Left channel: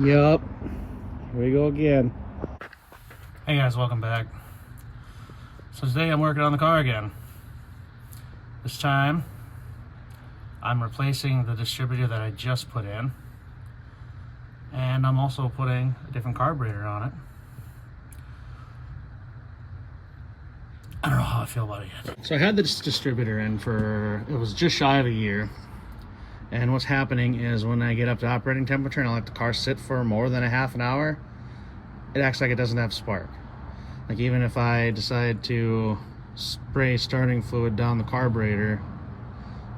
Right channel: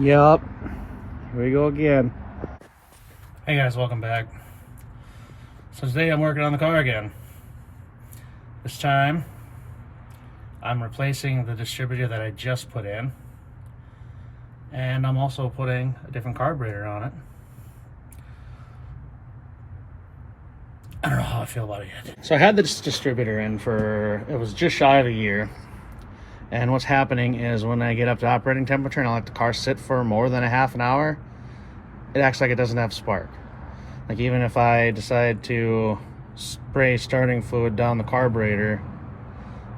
Yup. Here we go again. Hey guys, welcome back. So today I'm working on the car again. This time I'm replacing the distributor that I just put in, and I'm also putting a different carburetor on it. I don't know how I feel about it yet. So I had this distributor in for, it was just shy of a year. And what's happening is when I get up to operating temperature and I let the car sit for more than a half an hour, it acts like it doesn't have spark. Like even if I decide to spray starting fluid down the carburetor,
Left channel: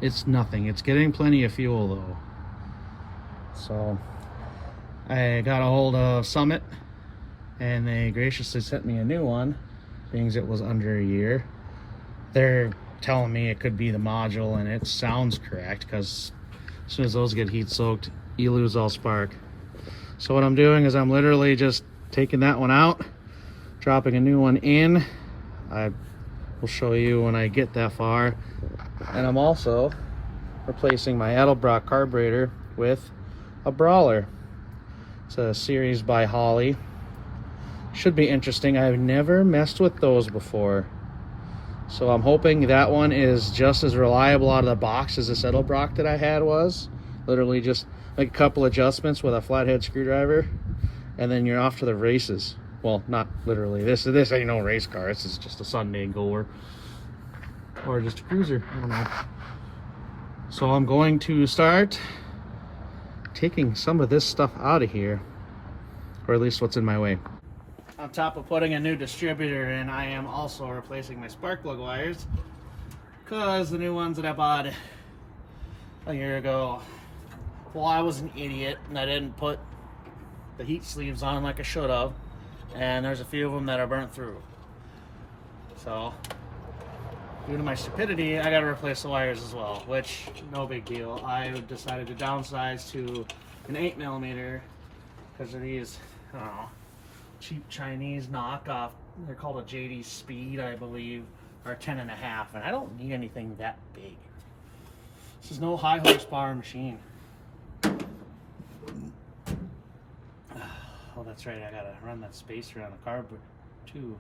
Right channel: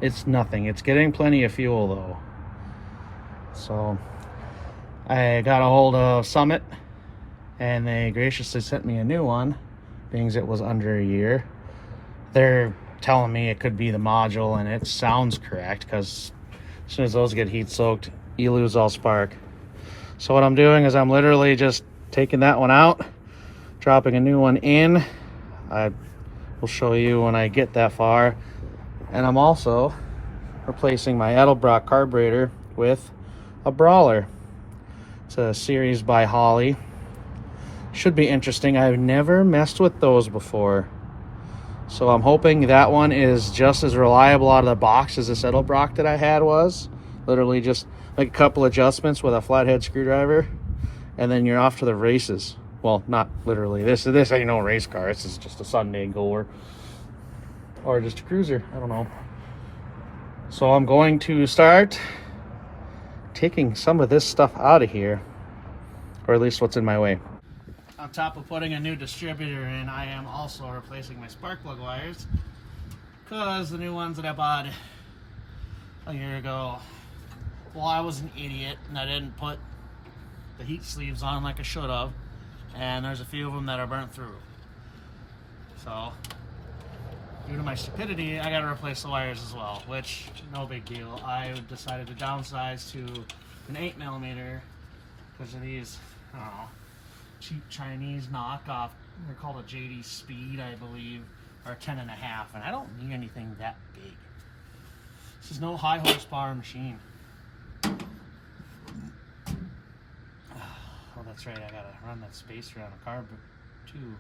it's nothing. It's getting plenty of fuel though. So I got a hold of Summit and they graciously sent me a new one, being as it was under a year. They're telling me it could be the module, and it sounds correct because as soon as those get heat soaked, you lose all spark. So what I'm doing is I'm literally just taking that one out, dropping a new one in. I will show you when I get that far. And I'm also replacing my Edelbrock carburetor with a Brawler. It's a series by Holley. Should be interesting. I've never messed with those before. So I'm hoping that one is just as reliable out of the box as this Edelbrock that I had was. Literally just make a couple adjustments with a flathead screwdriver and then you're off to the races. Well, not literally. This ain't no race car. This is just a Sunday goer. Or just a cruiser. I don't know. So I'm going to start taking some of this stuff out of here. Or at least what's in my way. On top of putting a new distributor in, I am also replacing my spark plug wires, because the new ones that I bought a year ago, well, I was an idiot and I didn't put the heat sleeves on like I should have, and there's a few of them that are burnt through. So due to my stupidity, I got to replace the wires as well, which no big deal. I decided to downsize to an 8mm because of these, I don't know, cheap Chinese knockoff. They're called a JD Speed, I believe, or 10.5, and I don't need anything that big. This is no high horsepower machine. Oh, that's right, I gotta run that spacer on the carb too.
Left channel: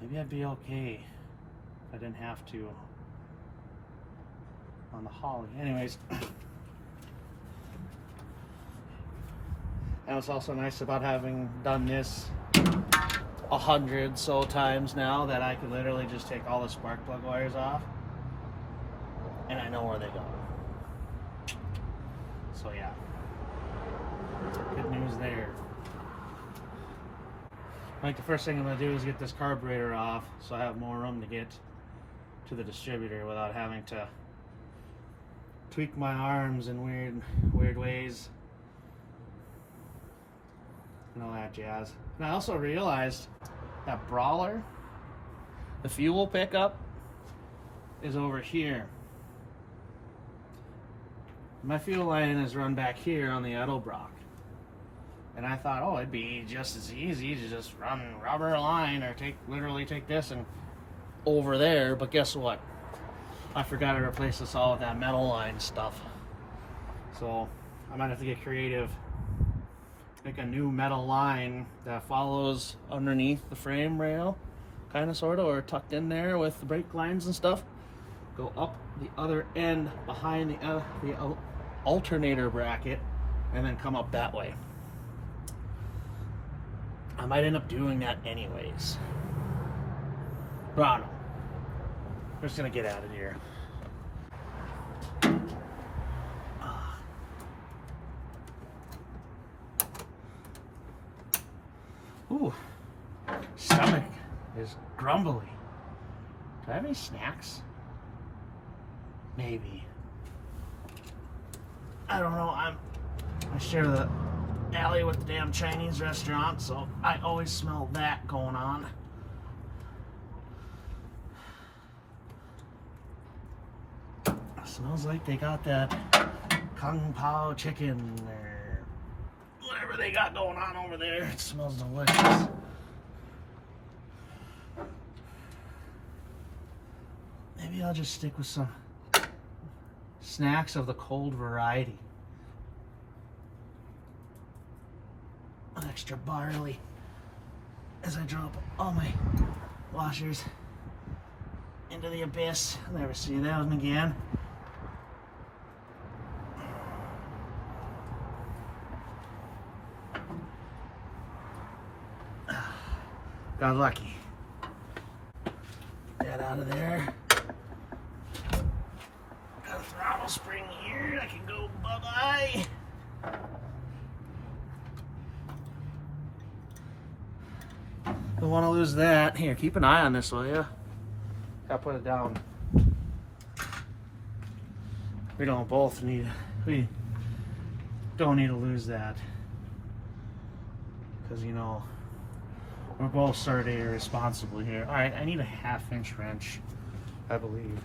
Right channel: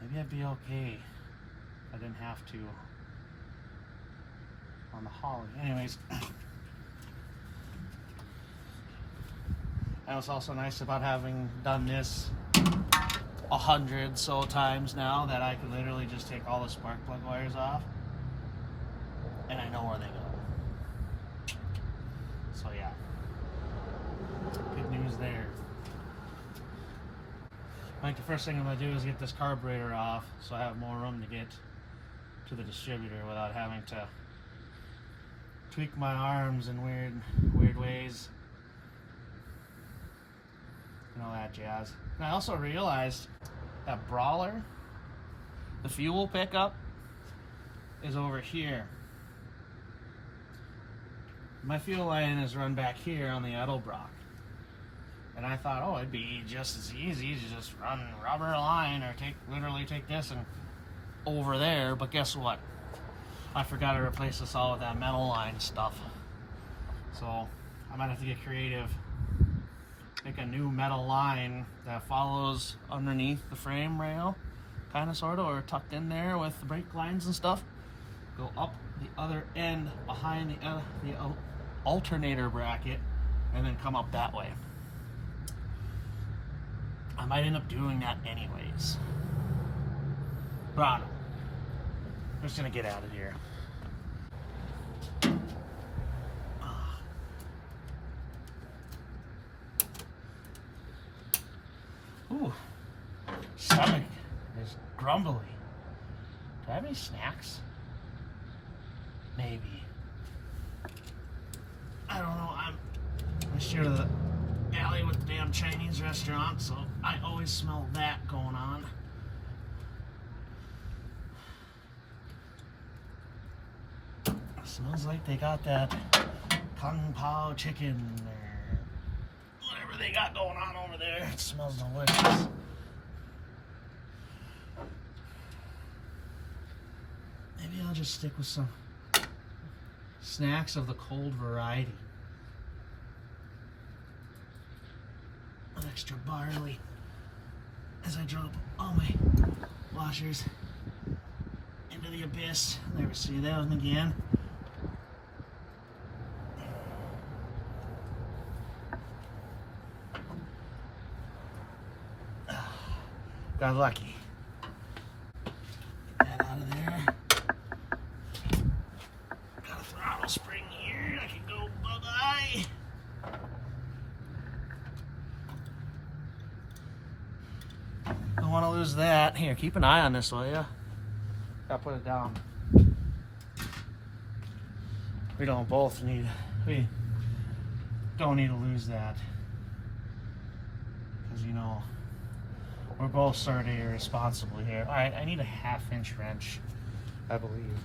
Maybe I'd be okay if I didn't have to on the Holley. Anyways. And what's also nice about having done this 100 so times now that I can literally just take all the spark plug wires off and I know where they go. So yeah, good news there. Like the first thing I'm going to do is get this carburetor off so I have more room to get to the distributor without having to tweak my arms in weird ways. And all that jazz. And I also realized that Brawler, the fuel pickup, is over here. My fuel line is run back here on the Edelbrock. And I thought, oh, it'd be just as easy to just run rubber line or literally take this and over there. But guess what? I forgot to replace this all with that metal line stuff. So I might have to get creative. Make a new metal line that follows underneath the frame rail, kind of, sort of, or tucked in there with the brake lines and stuff. Go up the other end behind the alternator bracket, and then come up that way. I might end up doing that anyways. But I don't know. We're just gonna get out of here. Ooh, stomach is grumbly. Do I have any snacks? Maybe. I don't know. I share the alley with the damn Chinese restaurant, so I always smell that going on. It smells like they got that Kung Pao chicken or whatever they got going on over there. It smells delicious. Maybe I'll just stick with some snacks of the cold variety. extra barley as I drop all my washers into the abyss. I'll never see that one again. Got lucky. That out of there. Got a throttle spring here. I can go bye-bye. Don't want to lose that. Here, keep an eye on this, will you? Gotta put it down. We don't need to lose that. Because, you know, we're both sort of irresponsible here. All right, I need a 1/2-inch wrench, I believe.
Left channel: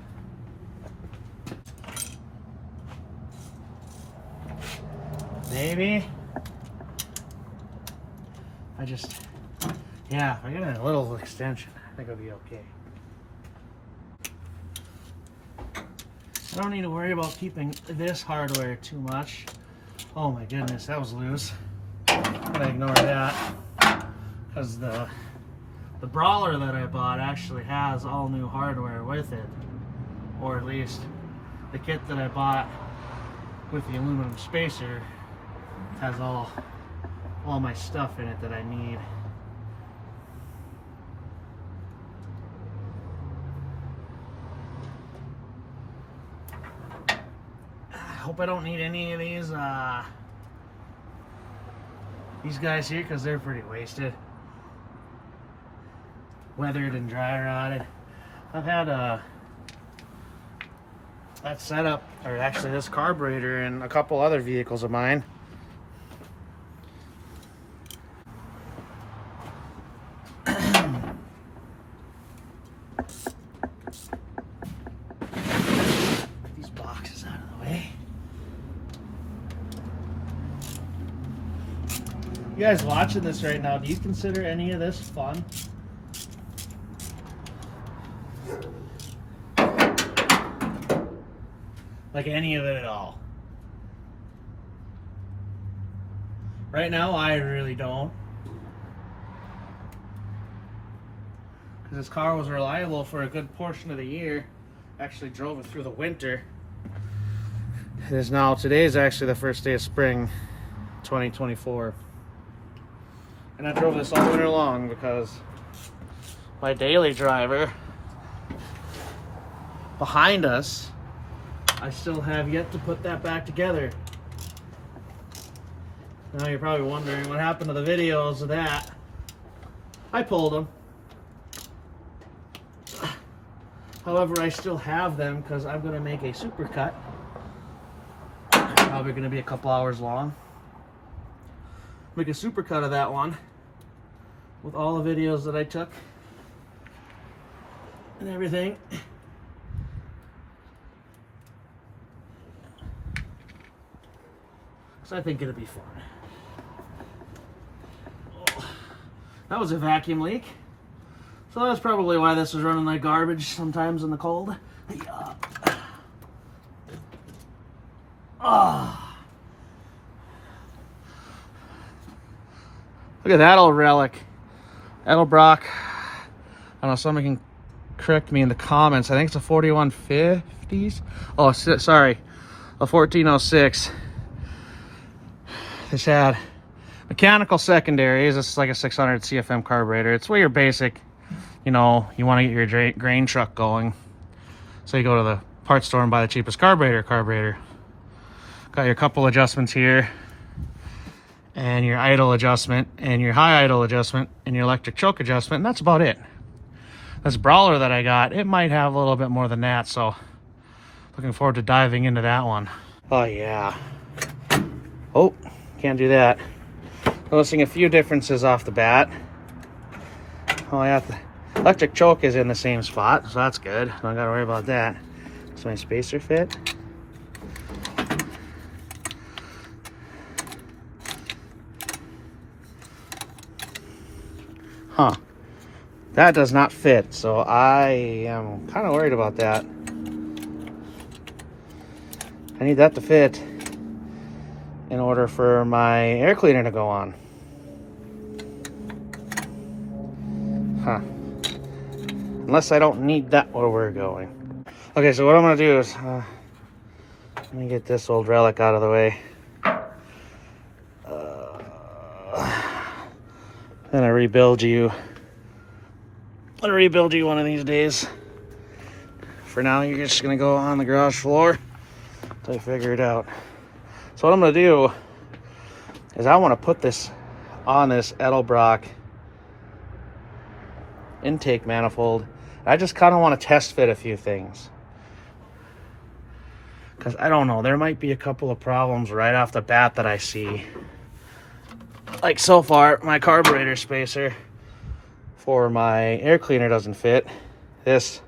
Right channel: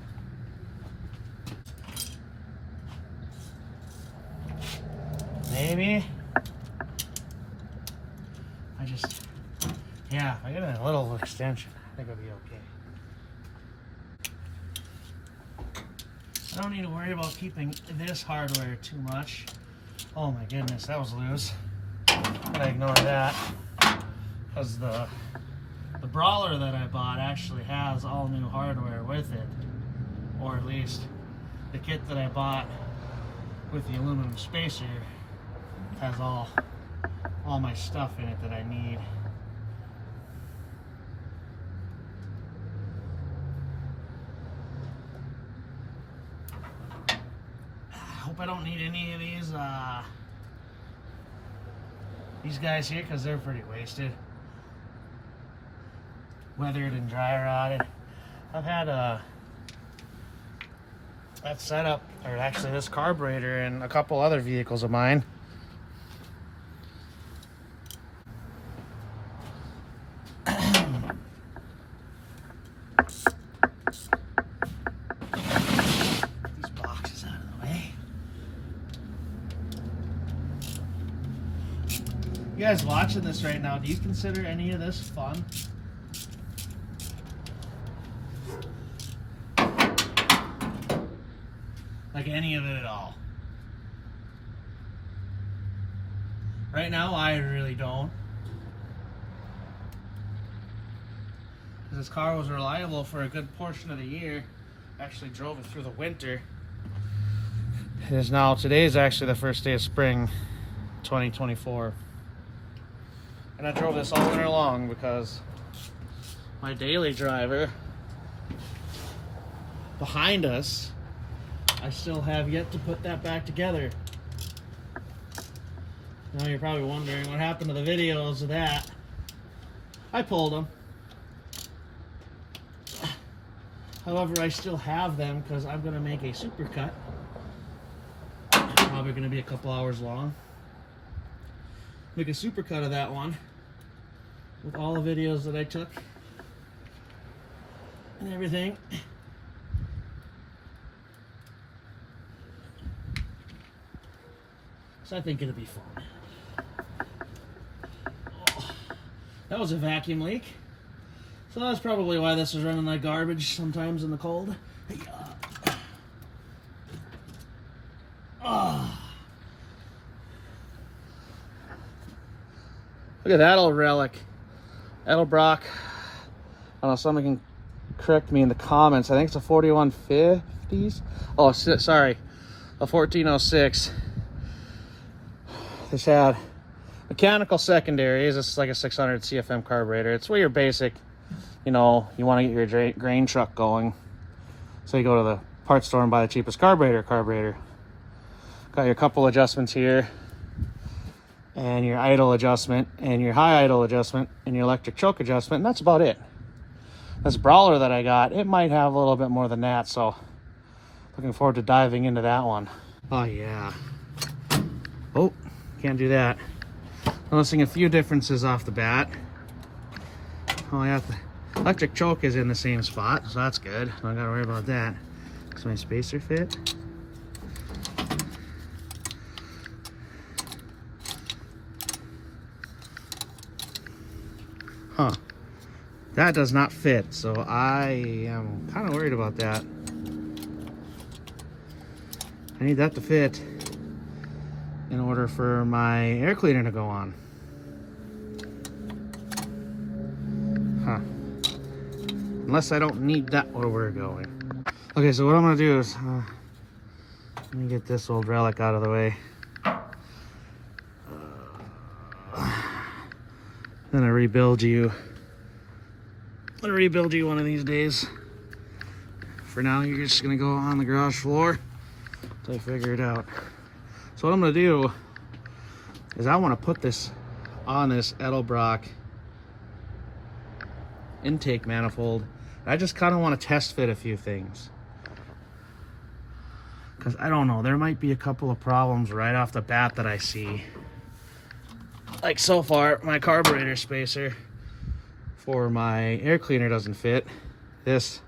Maybe. Yeah, I got a little extension. I think I'll be okay. I don't need to worry about keeping this hardware too much. Oh my goodness, that was loose. I'm gonna ignore that. Because the Brawler that I bought actually has all new hardware with it. Or at least the kit that I bought with the aluminum spacer has all my stuff in it that I need. I hope I don't need any of these guys here because they're pretty wasted. Weathered and dry rotted. I've had that setup, or actually this carburetor, in a couple other vehicles of mine. These boxes out of the way. You guys watching this right now, do you consider any of this fun? Like any of it at all? Right now, I really don't. Because this car was reliable for a good portion of the year. Actually drove it through the winter. It is now, today is actually the first day of spring 2024. And I drove this all winter long because my daily driver behind us, I still have yet to put that back together. Now you're probably wondering what happened to the videos of that. I pulled them. However, I still have them because I'm going to make a supercut. Probably going to be a couple hours long. Make a supercut of that one with all the videos that I took and everything. So I think it'll be fun. That was a vacuum leak. So that's probably why this was running like garbage sometimes in the cold. Oh. Look at that old relic. Edelbrock. I don't know, somebody can correct me in the comments. I think it's a 4150s. Oh, sorry, a 1406. This had mechanical secondaries. This is like a 600 CFM carburetor. It's way your basic, you know, you want to get your grain truck going. So you go to the parts store and buy the cheapest carburetor. Got your couple adjustments here, and your idle adjustment, and your high idle adjustment, and your electric choke adjustment, and that's about it. This Brawler that I got, it might have a little bit more than that, so looking forward to diving into that one. Oh yeah. Oh, can't do that. Noticing a few differences off the bat. Oh yeah, the electric choke is in the same spot, so that's good. Don't gotta worry about that. Does my spacer fit? Huh. That does not fit, so I am kind of worried about that. I need that to fit in order for my air cleaner to go on. Unless I don't need that where we're going. Okay, so what I'm gonna do is, let me get this old relic out of the way. Then I rebuild you. I'll rebuild you one of these days. For now, you're just gonna go on the garage floor until I figure it out. So what I'm gonna do is I wanna put this on this Edelbrock intake manifold. I just kind of want to test fit a few things. Because I don't know, there might be a couple of problems right off the bat that I see. Like so far, my carburetor spacer for my air cleaner doesn't fit. This,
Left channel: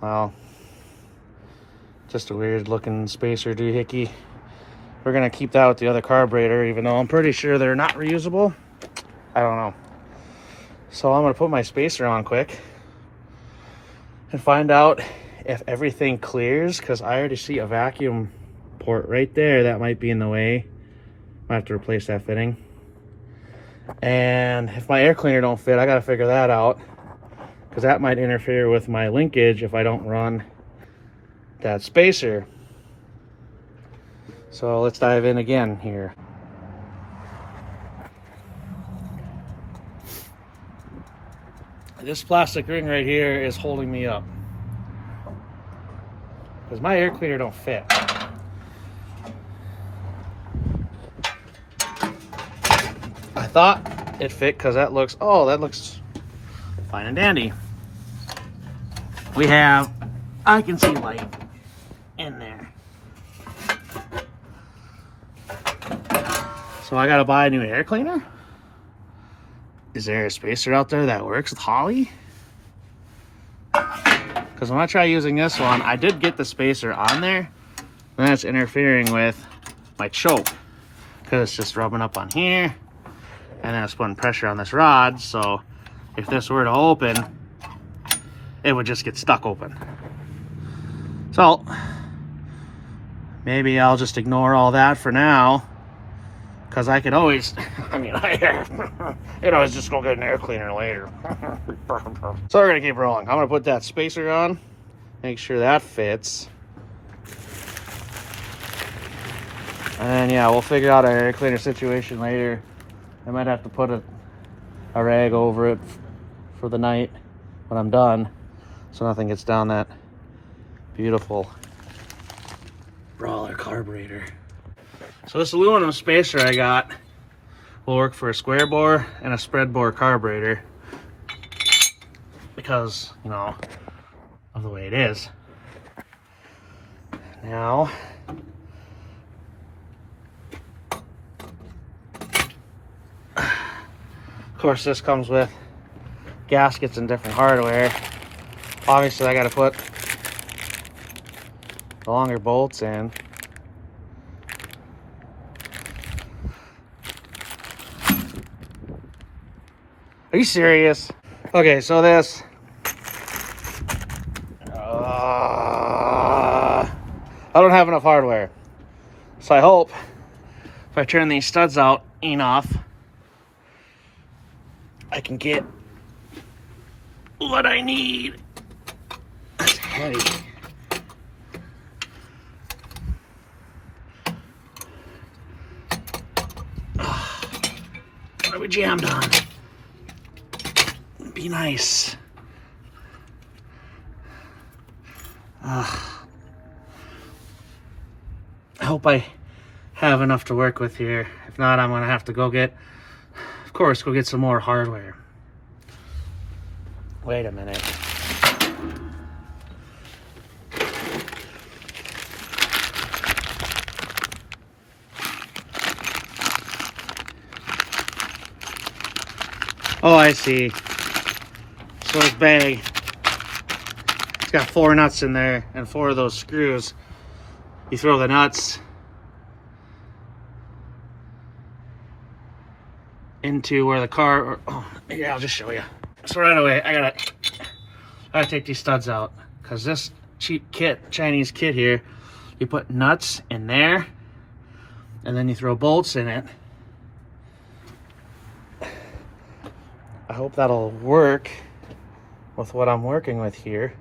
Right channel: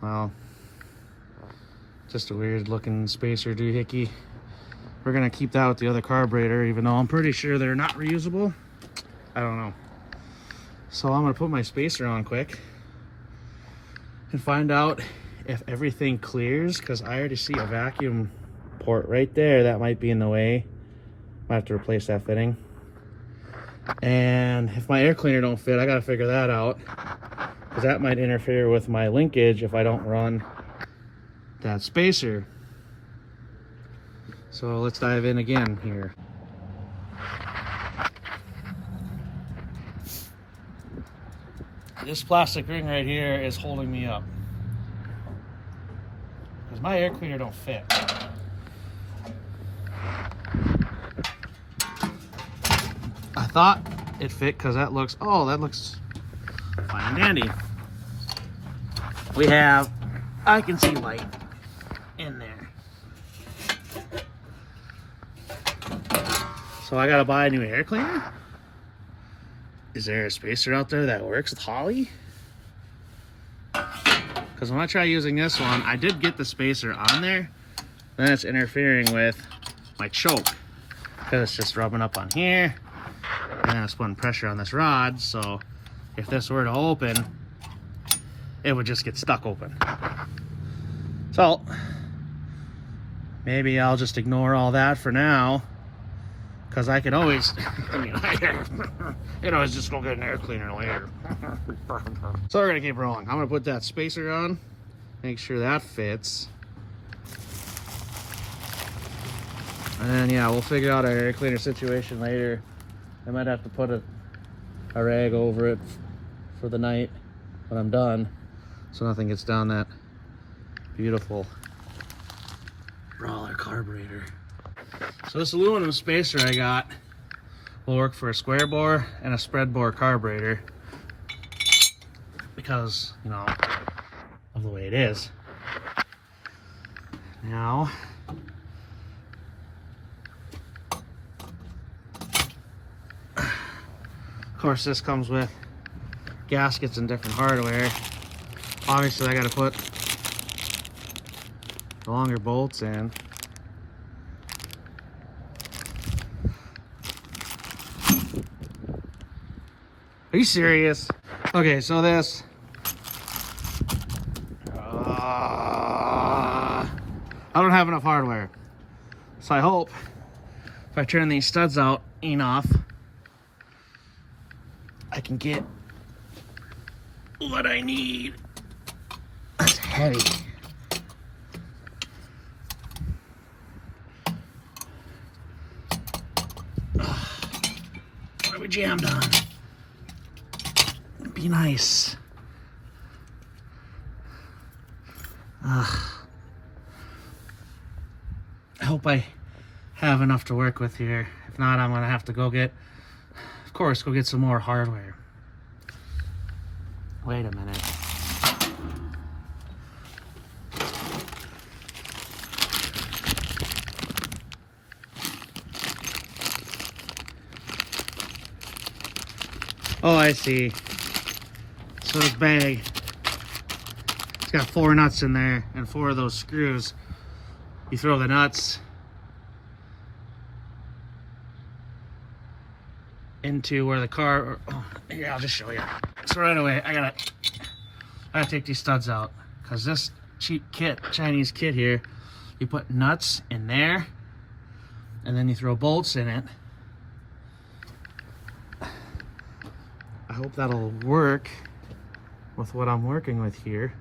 well, just a weird looking spacer doohickey. We're gonna keep that with the other carburetor, even though I'm pretty sure they're not reusable. I don't know. So I'm gonna put my spacer on quick and find out if everything clears, because I already see a vacuum port right there that might be in the way. Might have to replace that fitting. And if my air cleaner don't fit, I gotta figure that out, because that might interfere with my linkage if I don't run that spacer. So let's dive in again here. This plastic ring right here is holding me up because my air cleaner don't fit. I thought it fit because that looks, oh, that looks fine and dandy. We have, I can see light in there. So I gotta buy a new air cleaner? Is there a spacer out there that works with Holly? Because when I try using this one, I did get the spacer on there, and that's interfering with my choke. Because it's just rubbing up on here, and then it's putting pressure on this rod, so if this were to open, it would just get stuck open. So, maybe I'll just ignore all that for now, because I could always, I mean, I could always just go get an air cleaner later. So we're gonna keep rolling. I'm gonna put that spacer on, make sure that fits. And then, yeah, we'll figure out our air cleaner situation later. I might have to put a rag over it for the night when I'm done, so nothing gets down that beautiful Brawler carburetor. So this aluminum spacer I got will work for a square bore and a spread bore carburetor because, you know, of the way it is. Now, of course, this comes with gaskets and different hardware. Obviously, I got to put the longer bolts in. Are you serious? Okay, so this, I don't have enough hardware. So I hope if I turn these studs out enough, I can get what I need. That's heavy. What are we jammed on? Be nice. I hope I have enough to work with here. If not, I'm gonna have to go get, of course, go get some more hardware. Wait a minute. Oh, I see. So this bag, it's got 4 nuts in there and 4 of those screws. You throw the nuts into where the car, oh, yeah, I'll just show you. So right away, I gotta take these studs out, because this cheap kit, Chinese kit here, you put nuts in there and then you throw bolts in it. I hope that'll work with what I'm working with here.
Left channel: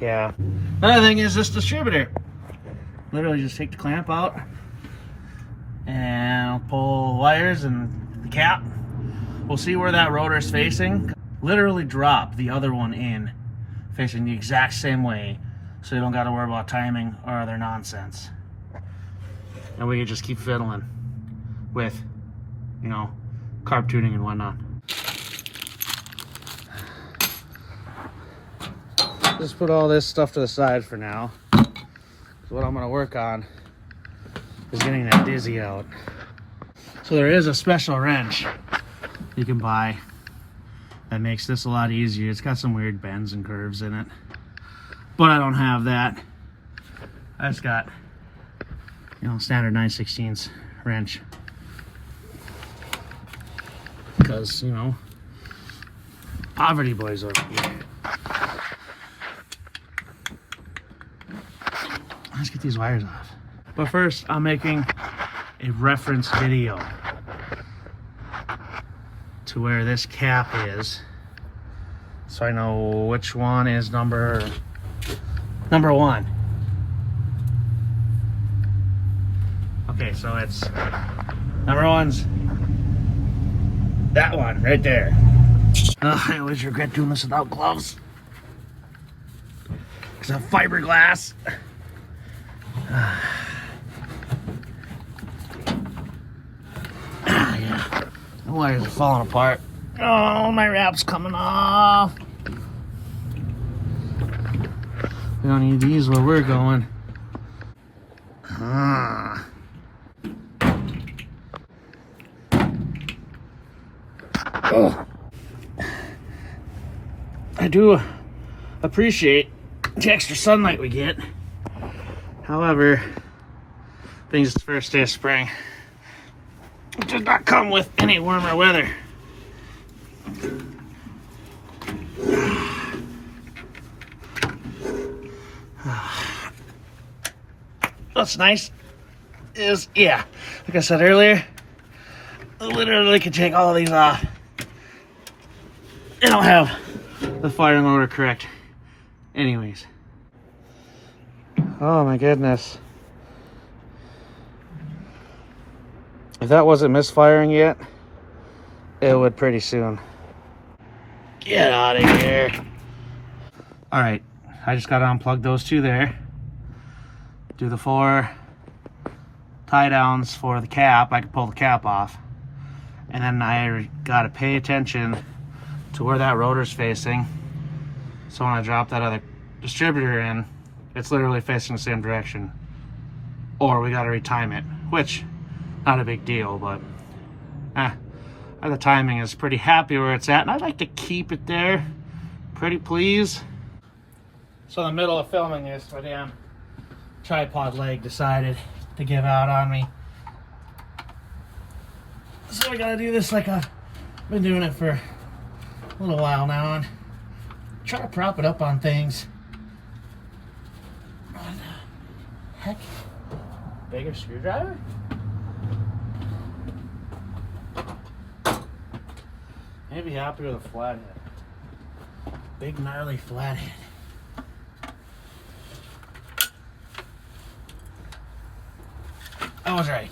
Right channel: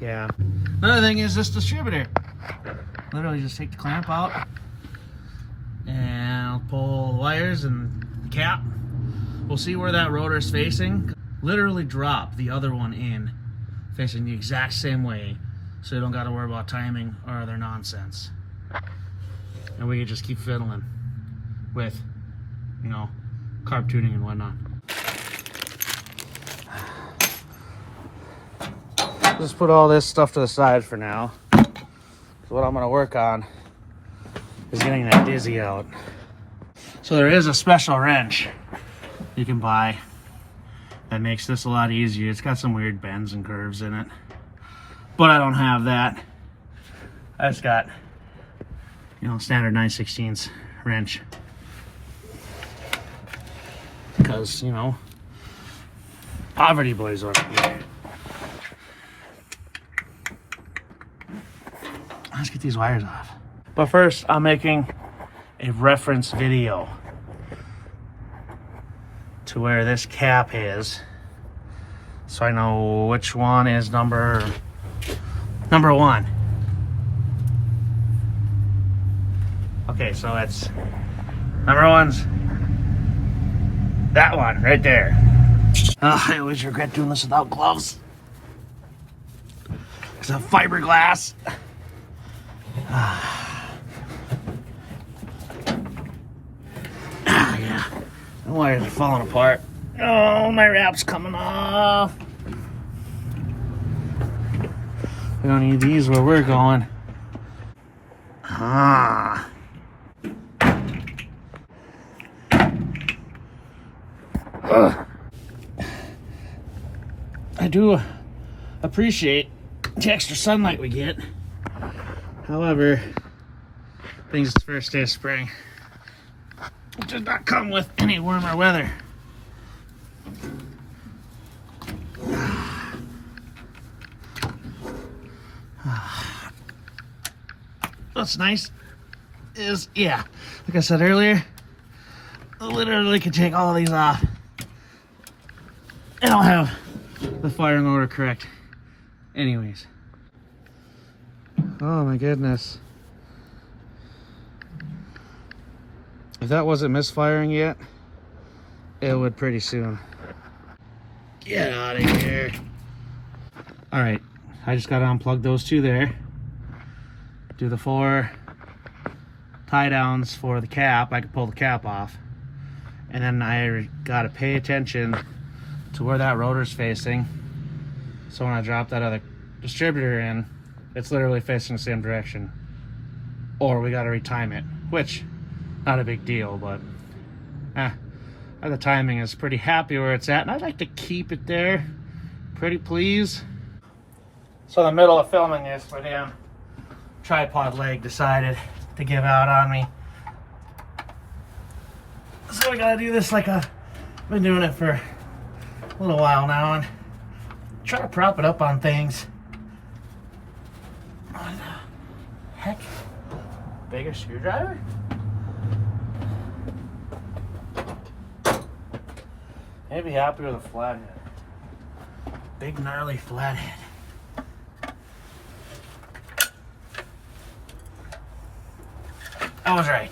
Yeah. Another thing is this distributor. Literally just take the clamp out and pull wires and the cap. We'll see where that rotor is facing. Literally drop the other one in, facing the exact same way, so you don't got to worry about timing or other nonsense. And we can just keep fiddling with, you know, carb tuning and whatnot. Just put all this stuff to the side for now. So what I'm going to work on is getting that dizzy out. So there is a special wrench you can buy that makes this a lot easier. It's got some weird bends and curves in it, but I don't have that. I just got, you know, standard 9/16 wrench, because, you know, poverty boys over here. Let's get these wires off. But first, I'm making a reference video to where this cap is, so I know which one is number one. Okay, so it's number one's that one right there. I always regret doing this without gloves. It's a fiberglass. Yeah. The wires are falling apart. Oh, my wrap's coming off. We don't need these where we're going. I do appreciate the extra sunlight we get. However, being it's the first day of spring, it does not come with any warmer weather. What's nice is, yeah, like I said earlier, I literally could take all of these off and I'll have the firing order correct anyways. Oh my goodness. If that wasn't misfiring yet, it would pretty soon. Get out of here. All right, I just gotta unplug those two there. Do the 4 tie downs for the cap. I can pull the cap off. And then I gotta pay attention to where that rotor's facing. So when I drop that other distributor in, it's literally facing the same direction. Or we gotta retime it, which, not a big deal, but the timing is pretty happy where it's at, and I'd like to keep it there. Pretty please. So in the middle of filming this with him, tripod leg decided to give out on me. So I gotta do this like I've been doing it for a little while now, and try to prop it up on things. What the heck? Bigger screwdriver? Maybe happy with a flathead. Big gnarly flathead. I was right.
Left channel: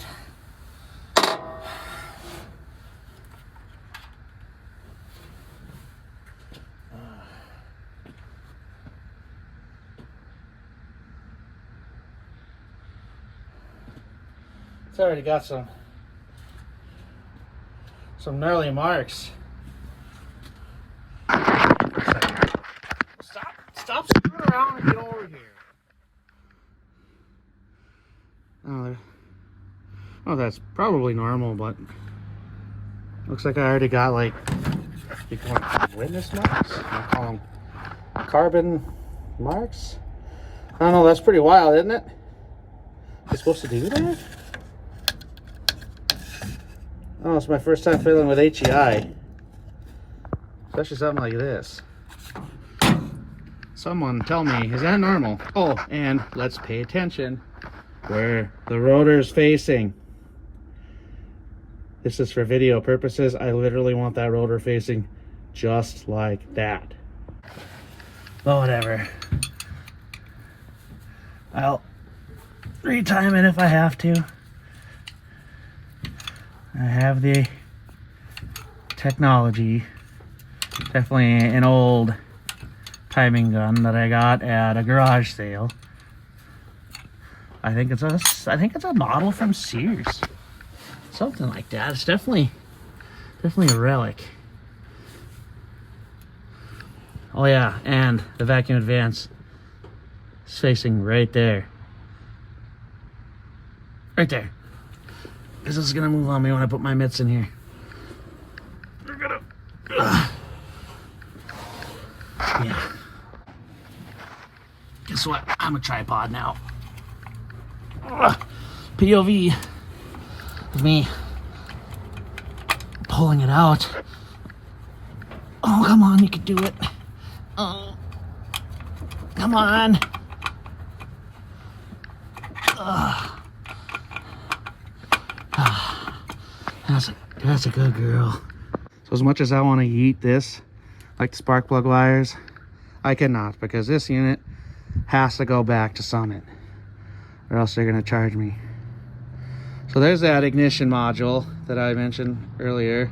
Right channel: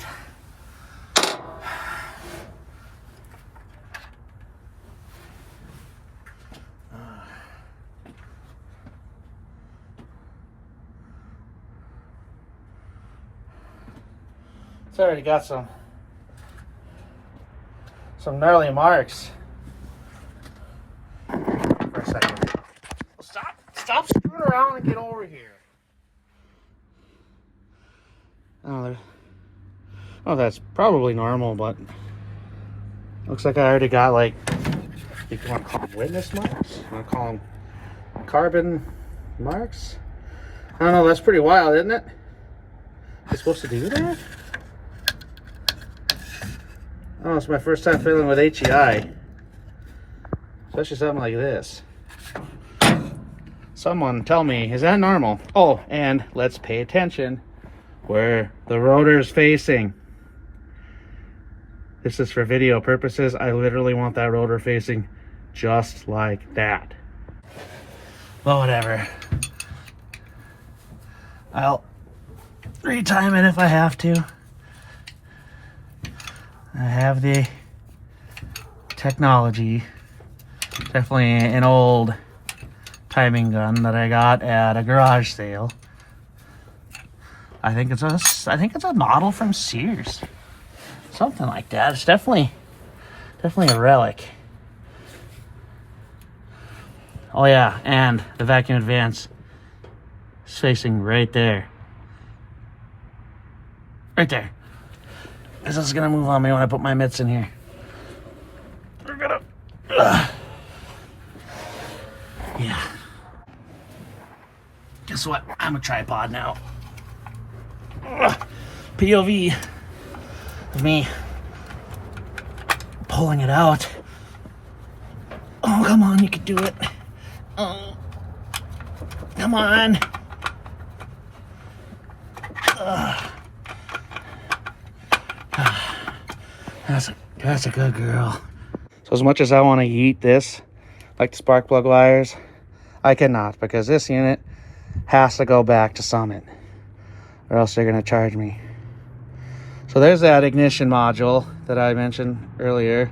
It's already got some gnarly marks. Stop screwing around and get over here. Oh, that's probably normal, but looks like I already got, like, you can call them witness marks? You call them carbon marks? I don't know, that's pretty wild, isn't it? You're supposed to do that? Oh, it's my first time fiddling with HEI. Especially something like this. Someone tell me, is that normal? Oh, and let's pay attention where the rotor is facing. This is for video purposes. I literally want that rotor facing just like that. Well, whatever. I'll retime it if I have to. I have the technology. Definitely an old timing gun that I got at a garage sale. I think it's a model from Sears. Something like that. It's definitely a relic. Oh yeah, and the vacuum advance is facing right there. Right there. This is gonna move on me when I put my mitts in here. We're gonna yeah. Guess what? I'm a tripod now. POV of me pulling it out. Oh, come on, you can do it. Oh, come on. That's a good girl. So as much as I want to eat this, like the spark plug wires, I cannot, because this unit has to go back to Summit, or else they're going to charge me. So there's that ignition module that I mentioned earlier.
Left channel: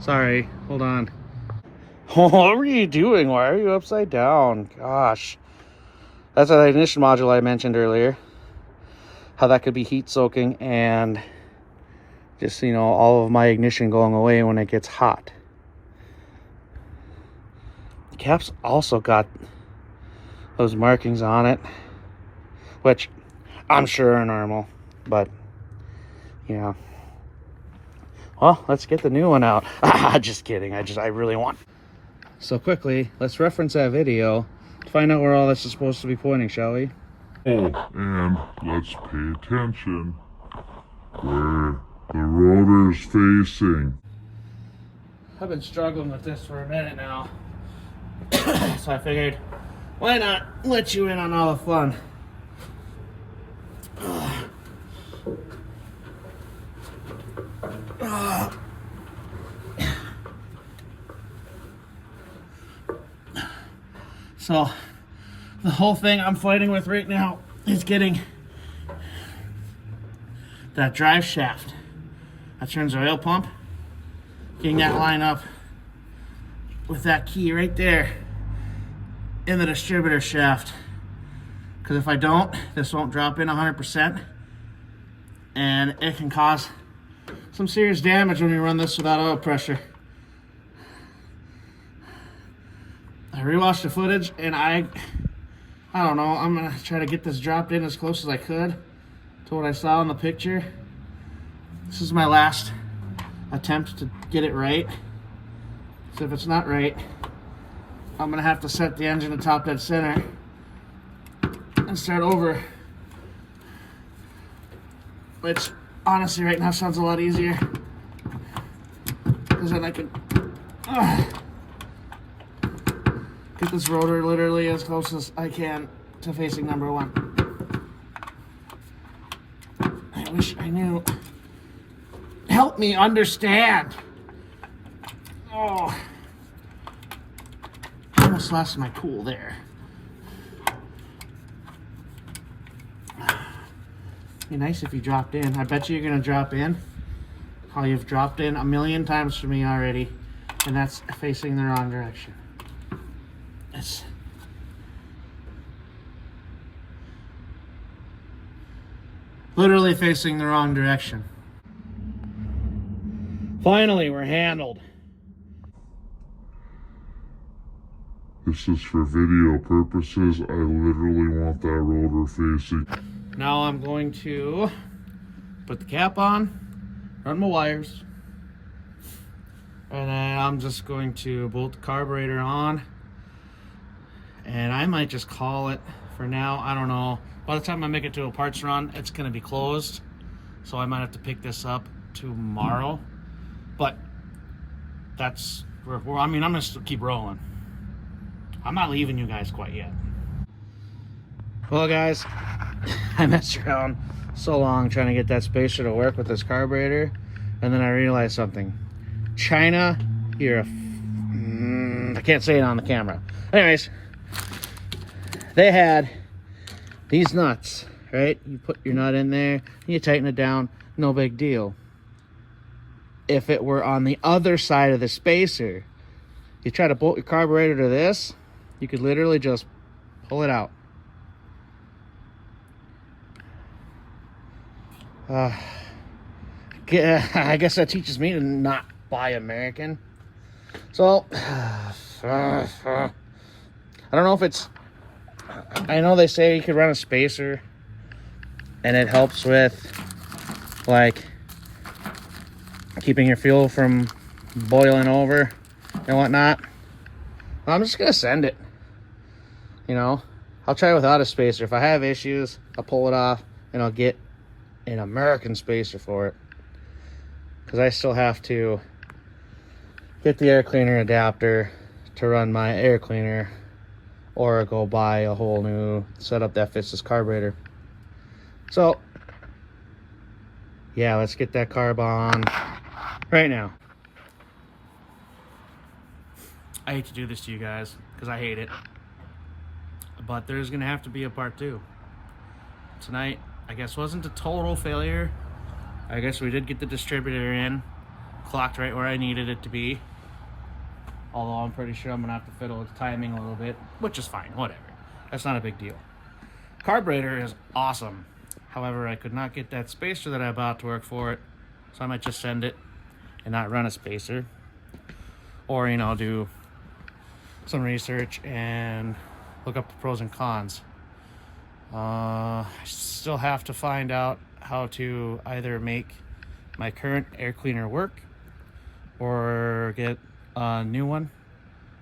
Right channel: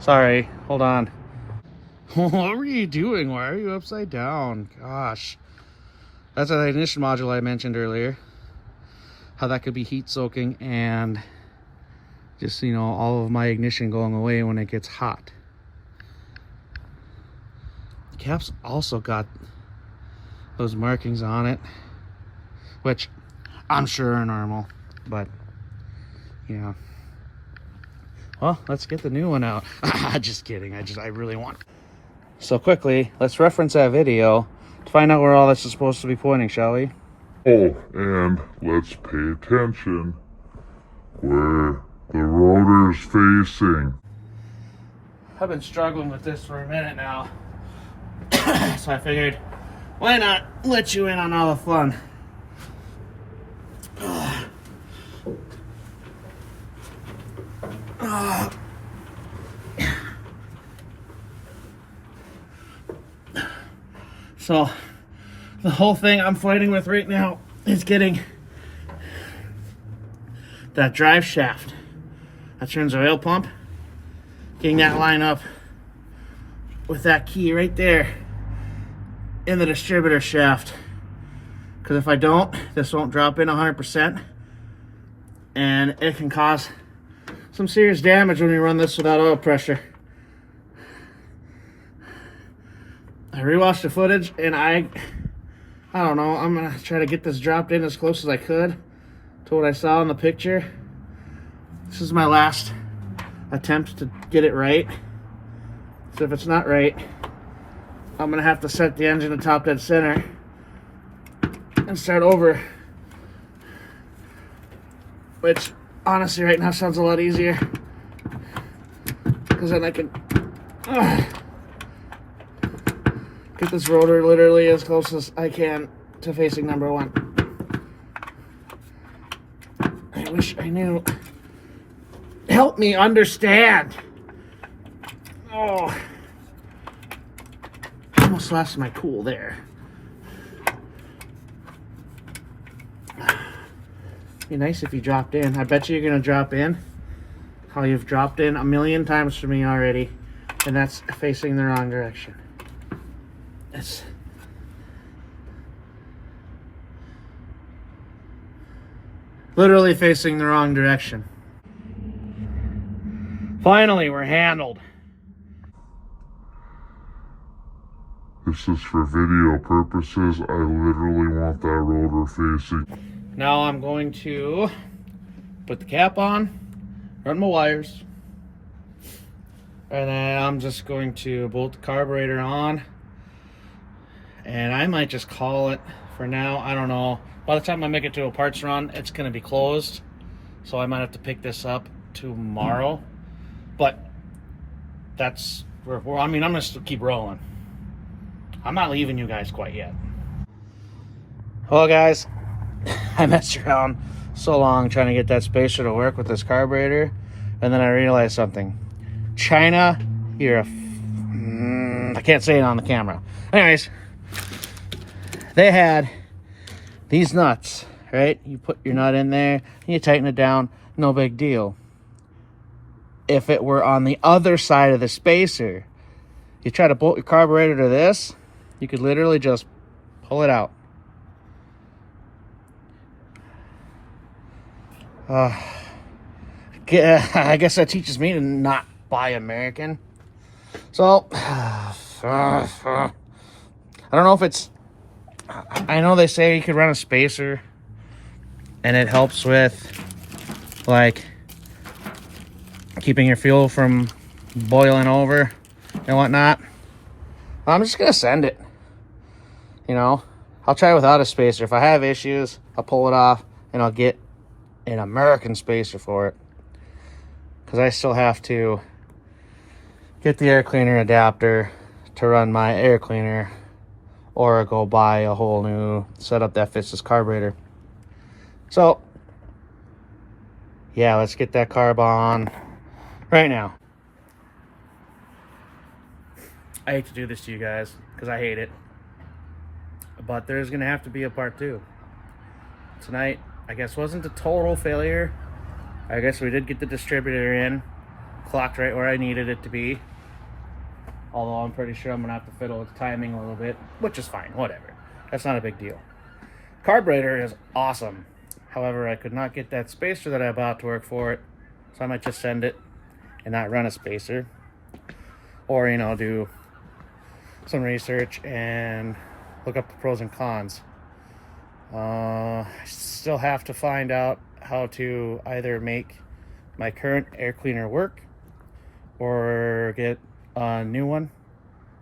Sorry, hold on. What were you doing? Why are you upside down? Gosh. That's that ignition module I mentioned earlier. How that could be heat soaking and just, you know, all of my ignition going away when it gets hot. The cap's also got those markings on it, which I'm sure are normal, but yeah. Well, let's get the new one out. Just kidding. I really want. So quickly, let's reference that video to find out where all this is supposed to be pointing, shall we? Oh, and let's pay attention where the rotor's facing. I've been struggling with this for a minute now. So I figured, why not let you in on all the fun? So the whole thing I'm fighting with right now is getting that drive shaft that turns the oil pump, getting that line up with that key right there in the distributor shaft. Because if I don't, this won't drop in 100%, and it can cause some serious damage when you run this without oil pressure. I rewatched the footage, and I don't know, I'm gonna try to get this dropped in as close as I could to what I saw in the picture. This is my last attempt to get it right. So if it's not right, I'm gonna have to set the engine to top dead center and start over. Which honestly right now sounds a lot easier, because then I can get this rotor literally as close as I can to facing number one. I wish I knew. Help me understand. Oh, almost lost my cool there. Be nice if you dropped in. I bet you're gonna drop in how you've dropped in a million times for me already, and that's facing the wrong direction. It's literally facing the wrong direction. Finally, we're handled. This is for video purposes. I literally want that rotor facing. Now I'm going to put the cap on, run my wires, and then I'm just going to bolt the carburetor on, and I might just call it for now. I don't know. By the time I make it to a parts run, it's going to be closed, so I might have to pick this up tomorrow. But that's where I mean, I'm going to keep rolling. I'm not leaving you guys quite yet. Well, guys, I messed around so long trying to get that spacer to work with this carburetor, And then I realized something. China, you're a... I can't say it on the camera. Anyways, they had these nuts, right? You put your nut in there, and you tighten it down, no big deal. If it were on the other side of the spacer, you try to bolt your carburetor to this, you could literally just pull it out. I guess that teaches me to not buy American. So, I don't know if it's... I know they say you could run a spacer and it helps with, like, keeping your fuel from boiling over and whatnot. I'm just gonna send it. You know, I'll try without a spacer. If I have issues, I'll pull it off and I'll get an American spacer for it, because I still have to get the air cleaner adapter to run my air cleaner, or go buy a whole new setup that fits this carburetor. So yeah, let's get that carb on right now. I hate to do this to you guys because I hate it, but there's gonna have to be a part 2. Tonight, I guess, wasn't a total failure. I guess we did get the distributor in, clocked right where I needed it to be. Although I'm pretty sure I'm gonna have to fiddle with timing a little bit, which is fine, whatever. That's not a big deal. Carburetor is awesome. However, I could not get that spacer that I bought to work for it, so I might just send it and not run a spacer. Or, you know, do some research and look up the pros and cons. I still have to find out how to either make my current air cleaner work or get a new one,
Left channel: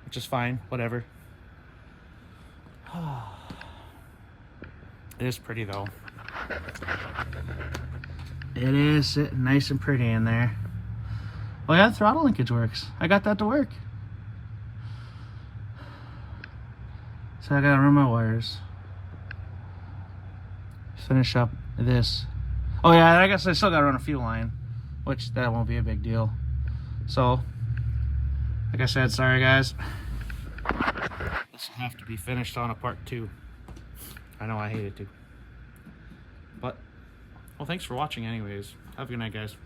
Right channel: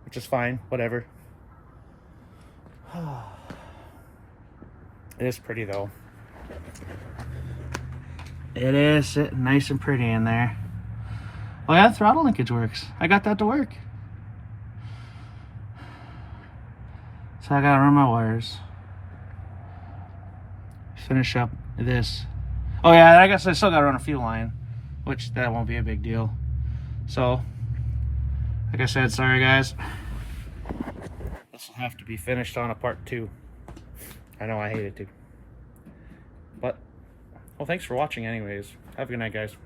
which is fine, whatever. It is pretty though. It is sitting nice and pretty in there. Oh yeah, throttle linkage works. I got that to work. So I gotta run my wires. Finish up this. Oh yeah, I guess I still gotta run a fuel line, which that won't be a big deal. So, like I said, sorry guys. This will have to be finished on a part 2. I know I hate it too. But, well, thanks for watching anyways. Have a good night, guys.